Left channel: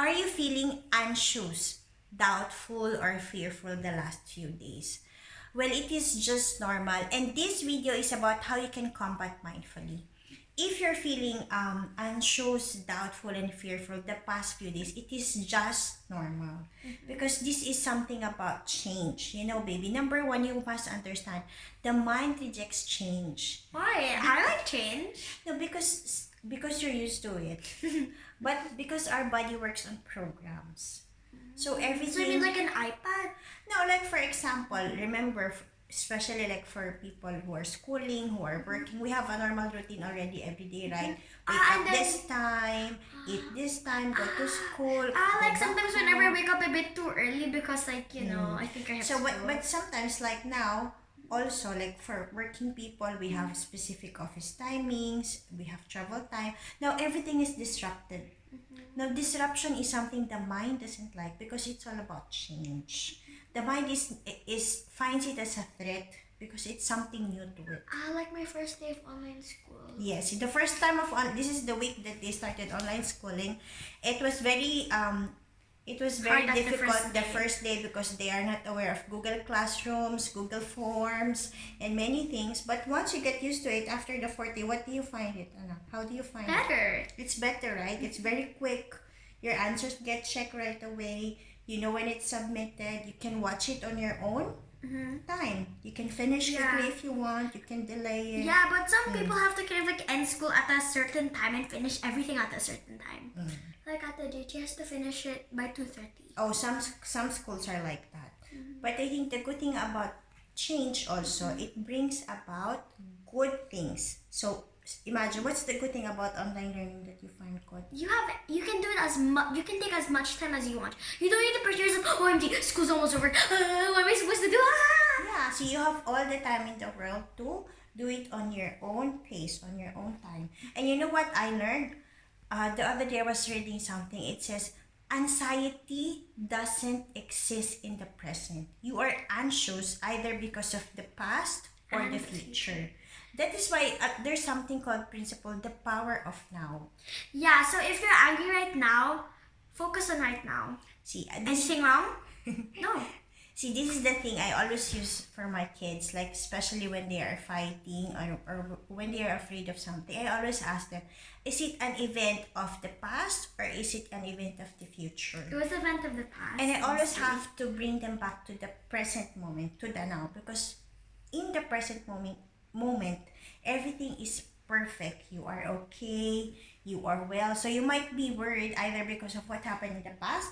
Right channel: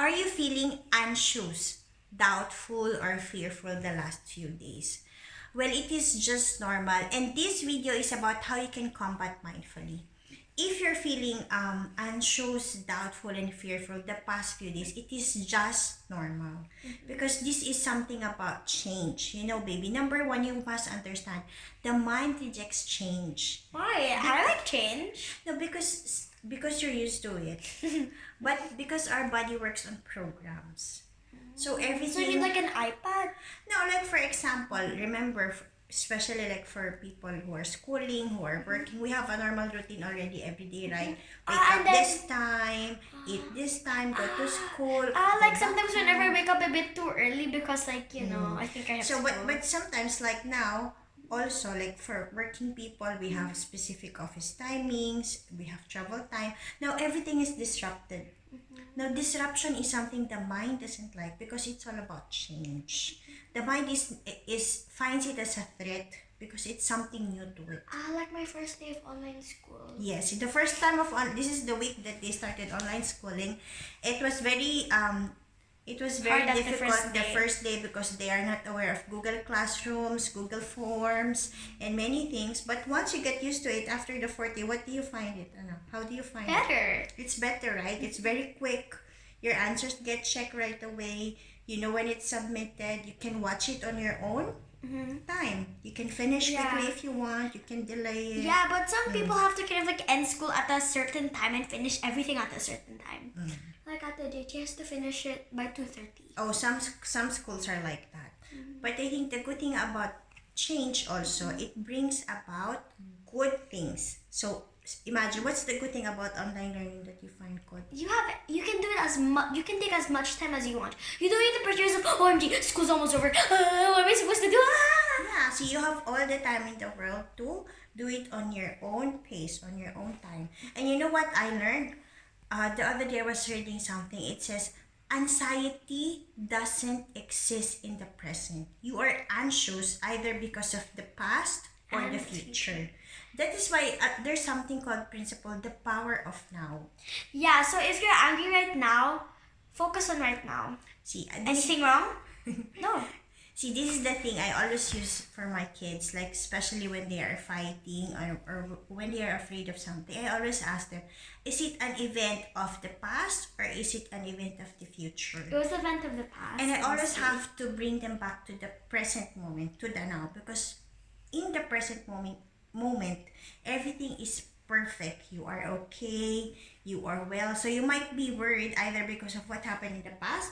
Are you feeling anxious, doubtful, or fearful the last few days? Well, it is just normal, and this video is about how you can combat mindfully. If you're feeling anxious, doubtful, and fearful the past few days, it is just normal because this is something about change. You know, baby. Number one, you must understand the mind rejects change. Why? I like change. No, because you're used to it, but because our body works on programs, so So you everything. mean like an iPad? No, like for example, remember, especially like for people who are schooling, who are working, we have a normal routine already every day, right? Wake Ah, up and then- this time, eat this time, go to school. go Like back sometimes home. whenever I wake up a bit too early because like, I think I have So, but school. sometimes like now, also like for working people, we have specific office timings, we have travel time. Now everything is disrupted. Now disruption is something the mind doesn't like because it's all about change. The mind is finds it as a threat because it's something new to it. Like my first day of online school. Yes, the first time of this is the week that they started online schooling. It was very Hard at the difficult first the day. first day because they are not aware of Google Classrooms, Google Forms, and many things. But once you get used to it after the 40, what do you find it? How do you find it? Better. It's better, right? It's very quick. Your answers get checked right away. You know when it's submitted. You can watch it on your own time. You can finish Yeah. quickly if you want. You can delay it. Yeah, but some people have to kind of like end school at a certain time and finish everything at a certain time. Like at the JT has to finish it by 2:30. Oh, some schools are like that. But I think the good thing about change also, it brings about good things. So imagine, what's the good thing about online learning that you find good? You can do it as much. You can take as much time as you want. You don't need to pressure yourself. OMG, school's almost over. What am I supposed to do? Yeah, so you have all the time in the world to do it on your own pace, on your own time. And you know what I learned? The other day I was reading something. It says, anxiety doesn't exist in the present. You are anxious either because of the past or And the the future. That is why there's something called principle, the power of now. Yeah. So if you're angry right now, focus on right now. See, Anything wrong? No. See, this is the thing I always use for my kids, like especially when they are fighting or when they are afraid of something. I always ask them, is it an event of the past or is it an event of the future? It was the event of the past. And I always honestly. have to bring them back to the present moment, to the now, because in the present moment, everything is perfect. You are okay, you are well. So you might be worried either because of what happened in the past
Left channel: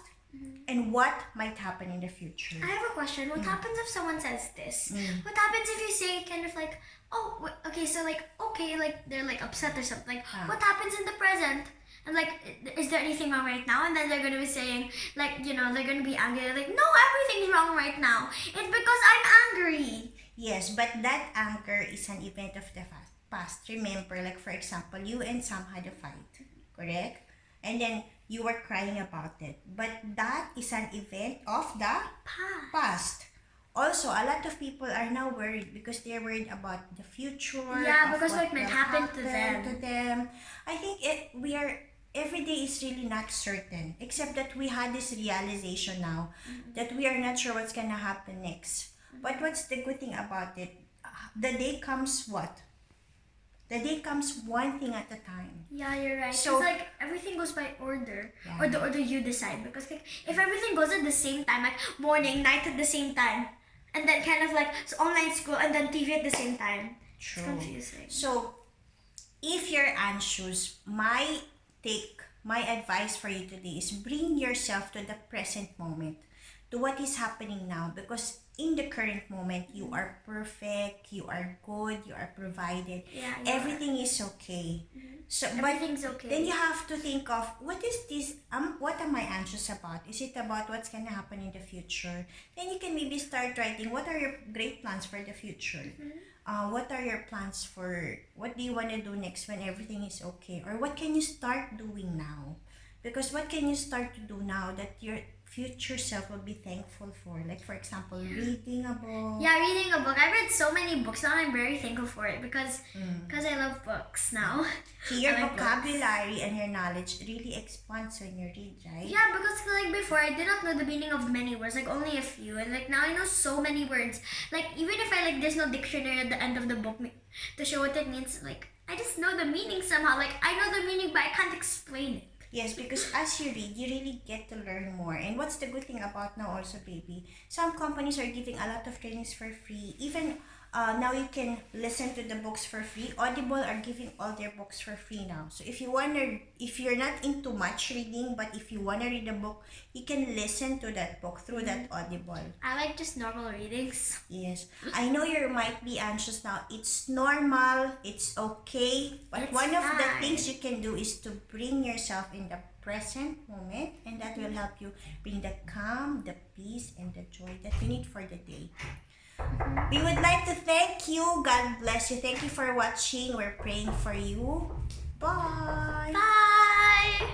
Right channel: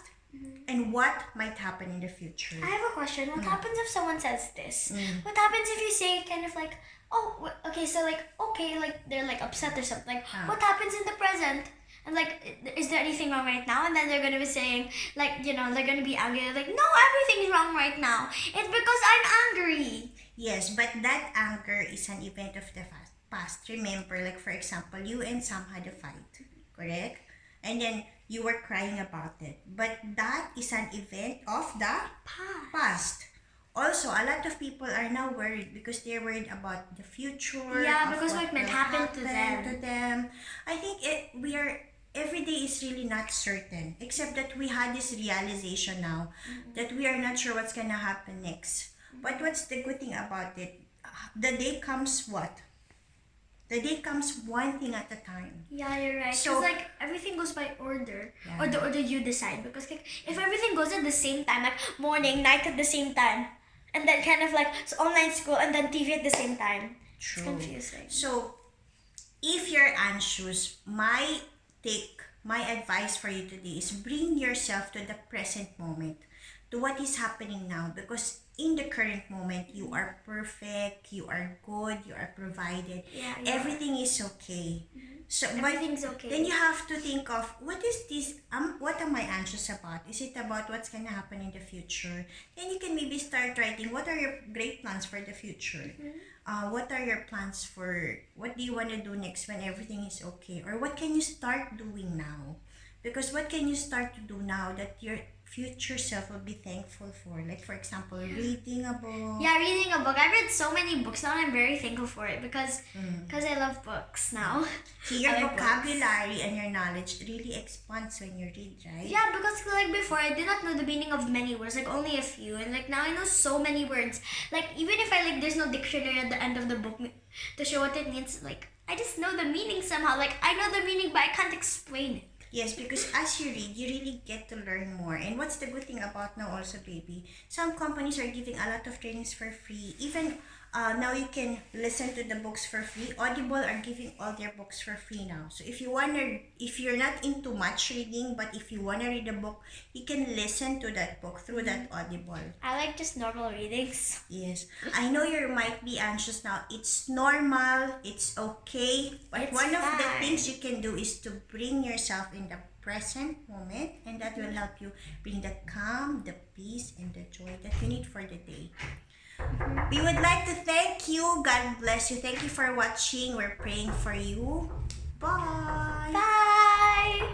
and what might happen in the future. I have a question. What happens if someone says this? What happens if you say kind of like, oh, okay, so like, okay, like they're like upset or something. Like, what happens in the present? And like, is there anything wrong right now? And then they're gonna be saying, like, they're gonna be angry. They're like, no, everything's wrong right now. It's because I'm angry. Yes, but that anger is an event of the past. Remember, like for example, you and Sam had a fight, correct? And then you were crying about it. But that is an event of the past. Also, a lot of people are now worried because they're worried about the future. Yeah, of because what what might will happen to happen them. I think every day is really not certain, except that we had this realization now that we are not sure what's gonna happen next. But what's the good thing about it? The day comes what? The day comes one thing at a time. Yeah, you're right. So- So like everything goes by order, Yeah. or the order you decide. Because like if everything goes at the same time, like morning, night at the same time, and then kind of like so online school and then TV at the same time, it's True. confusing. So, if you're anxious, my advice for you today is bring yourself to the present moment, to what is happening now, because in the current moment, you are perfect, you are good, you are provided, Yeah, everything is okay. So, but everything's okay. then you have to think of, what is this, what am I anxious about? Is it about what's gonna happen in the future? Then you can maybe start writing, what are your great plans for the future? What are your plans for, what do you want to do next when everything is okay? Or what can you start doing now? Because what can you start to do now that your future self will be thankful for? Like, for example, reading a book. Yeah, reading a book. I've read so many books now, and I'm very thankful for it because I love books now. See, your I like vocabulary and your knowledge really expands when you read, right? Yeah, because like before I did not know the meaning of many words, like only a few, and like now I know so many words. Like even if I like there's no dictionary at the end of the book to show what it means, like I just know the meaning somehow. Like I know the meaning but I can't explain it. Yes, because as you read, you really get to learn more. And what's the good thing about now also, baby? Some companies are giving a lot of trainings for free. Even now you can listen to the books for free. Audible are giving all their books for free now. So if you're not into much reading, but if you wanna read a book, you can listen to that book through that Audible. I like just normal readings. Yes, I know you might be anxious now. It's normal. It's okay. But It's one of the fine. things you can do is to bring yourself in the present moment, and that will help you bring the calm, the peace, and the joy that you need for the day. We would like to thank you. God bless you. Thank you for watching. We're praying for you. Bye. Bye.